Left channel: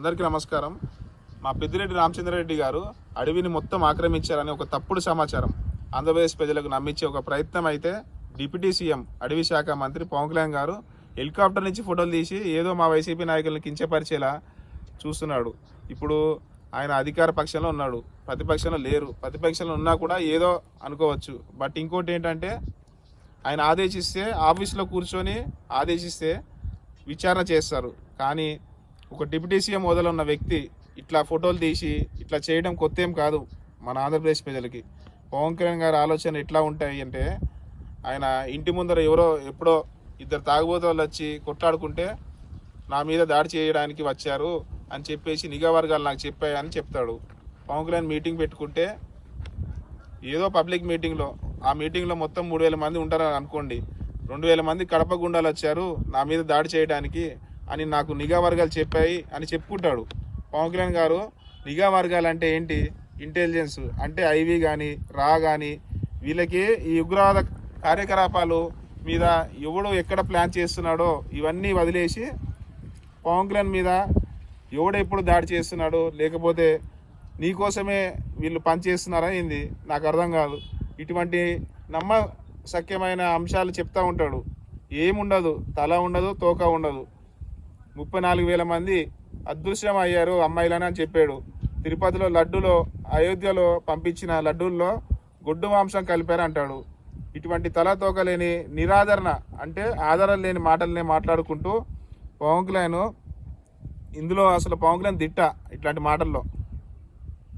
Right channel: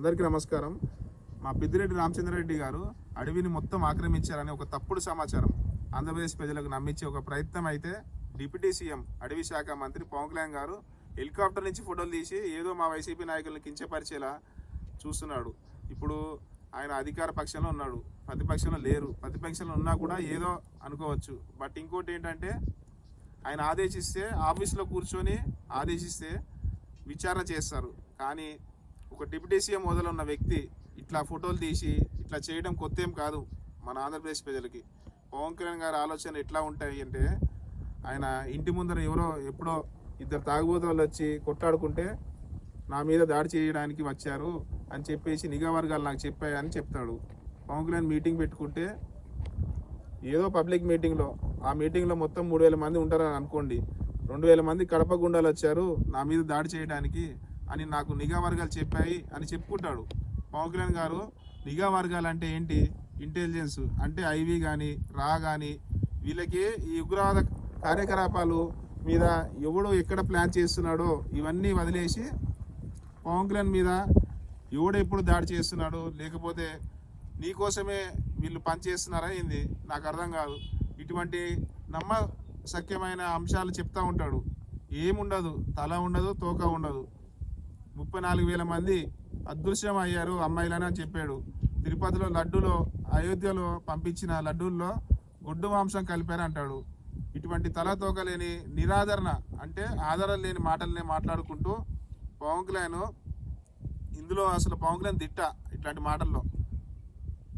అందరికీ నమస్కారం. మా పెద్దిరెడ్డి రామచంద్రారెడ్డి గారు అడవిని మొత్తం ఆక్రమించారని ఒక తప్పుడు సమాచారం ఆంధ్రప్రదేశ్ ప్రజలకు నమ్మించే ఒక ప్రయత్నం అయితే డిప్యూటీ సీఎం అడవి శాఖ మంత్రి పవన్ కళ్యాణ్ గారు హెలికాప్టర్ నుంచి ఫోటోలు తీసి ఏదో మా వైసీపీ నాయకులను కించపరిచేలా చూస్తున్నాడు. ఇప్పుడు ఆయన అధికార పక్షంలో ఉన్నాడు, ప్రతిపక్షంలో లేరు. ప్రతిపక్షంలో ఉన్నా కూడా ఏదో అనుకోవచ్చు. బట్ ఇంకోటి ఏంటంటే ఆయన ఆదేశిస్తే ఆఫీస్లో కూర్చొని ఆదేశిస్తే విచారణ చేస్తారు. కానీ ఒక డిప్యూటీ సీఎం హోదాలో ఉన్న వ్యక్తి ఇట్లా ఫోటోలు తీసి ఇట్లా చేయడం కొత్త ఏం కాదు మన ఆంధ్రప్రదేశ్ ప్రజలకి. పవన్ కళ్యాణ్ గారి ఆలోచన ఎట్లా ఉంటాయి అంటే, ఆయన ఇంటి ముందర ఎవరో ఎప్పుడో ఇద్దరు తాగుబోతులు వచ్చి కొట్లాడుకుంటే నా మీద దాడి చేయడానికి వచ్చారు అని చెప్పేసి నిఘా వర్గాలు నాకు చెప్పాయని చెప్తాడు. పవన్ కళ్యాణ్ మీటింగ్ పెట్టుకుంటే ఏదో పబ్లిక్ మీటింగ్లో, ఆ మీటింగ్లో మొత్తం 3,000 మంది ఉంటారని అనుకోండి, 2,000 మంది కడప గుండాలు వచ్చారు నా మీద దాడి చేయడానికి అని నాకు నిఘా వర్గాలు చెప్పాయి అని చెప్పుకుంటాడు. పవన్ కళ్యాణ్ గారు నిఘా వర్గాలు అంటే ఏంటి? ఇంటెలిజెన్స్ అంటే ఐవి కానీ రా కానీ వీళ్ళకి ఈ ఉగ్రవాద కార్యకలాపాలు మీద ఎవడో ఎక్కడ ప్లాన్ చేస్తున్నాడో ఇవన్నీ వదిలేసి పవన్ కళ్యాణ్ మీద ఎవడో ఎప్పుడు దాడి చేస్తున్నాడో, లేకపోతే నీకోసమే వీళ్ళు పనిచేస్తున్నారా ఏంది నాకు అర్థం కాదు. ఇటువంటి నమ్మశక్యమైన అంశాలు చెప్తూ ఉంటాడు. ఏముండదు, తల ఉండదు, తోక ఉండదు. 34,000 మంది అదృశ్యం అయ్యారు అమ్మాయిలని అని చెప్పాడు. తిరుపతిలో లడ్డూలో, అయోధ్యలో పంపించిన లడ్డూల్లో గొడ్డు మాంసం కలిపారు అంటాడు. ఇటువంటి తలతోక లేని నిరాదరణ అంటే ఆధారం లేని మాటలనే మాట్లాడుకుంటూ పవన్ కళ్యాణ్ ఇందులో అసలు పవన్ కళ్యాణ్ దిట్ట. ఇట్లాంటి మాటల్లో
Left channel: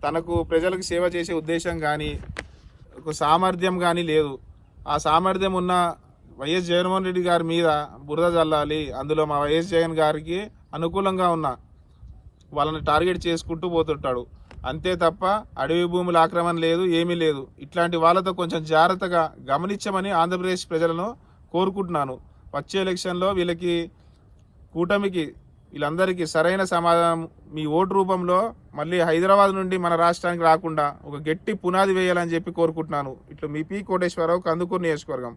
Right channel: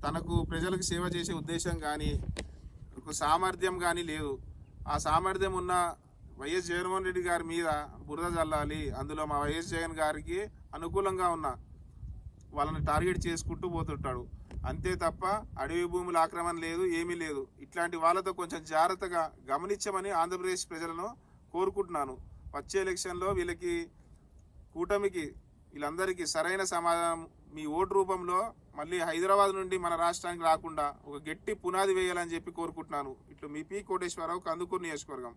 తనకు ప్రజలకు సేవ చేసే ఉద్దేశం కానీ ఒక సామర్థ్యం కానీ లేదు. ఆ సామర్థ్యం ఉన్న వైఎస్ జగన్మోహన్ రెడ్డి గారి మీద బురద చల్లాలి, అందులో మా వైఎస్ జగన్ గారికి అనుకూలంగా ఉన్న వాళ్ళని టార్గెట్ చేసుకుంటూ పోతుంటాడు. అంతే తప్ప అడవి భూముల ఆక్రమణ లేదు, ఏమీ లేదు. ఇట్లాంటి వాళ్ళతో కొంచెం జాగ్రత్తగా గమనించమని ఆంధ్రప్రదేశ్ ప్రజలను కోరుకుంటున్నాను. వచ్చే ఎలక్షన్లో వీళ్ళకి కూటమికి వీళ్ళందరికీ సరైన సమాధానం మీ ఓటు రూపంలో మళ్ళీ హైదరాబాద్ నుండి మన రాష్ట్రానికి రాకుండా ఒక గట్టి పునాది వేయాలని చెప్పి కోరుకుంటున్నాను. ఇట్లా మీ పి కోటేశ్వరరావు, కందుకూరు నియోజకవర్గం.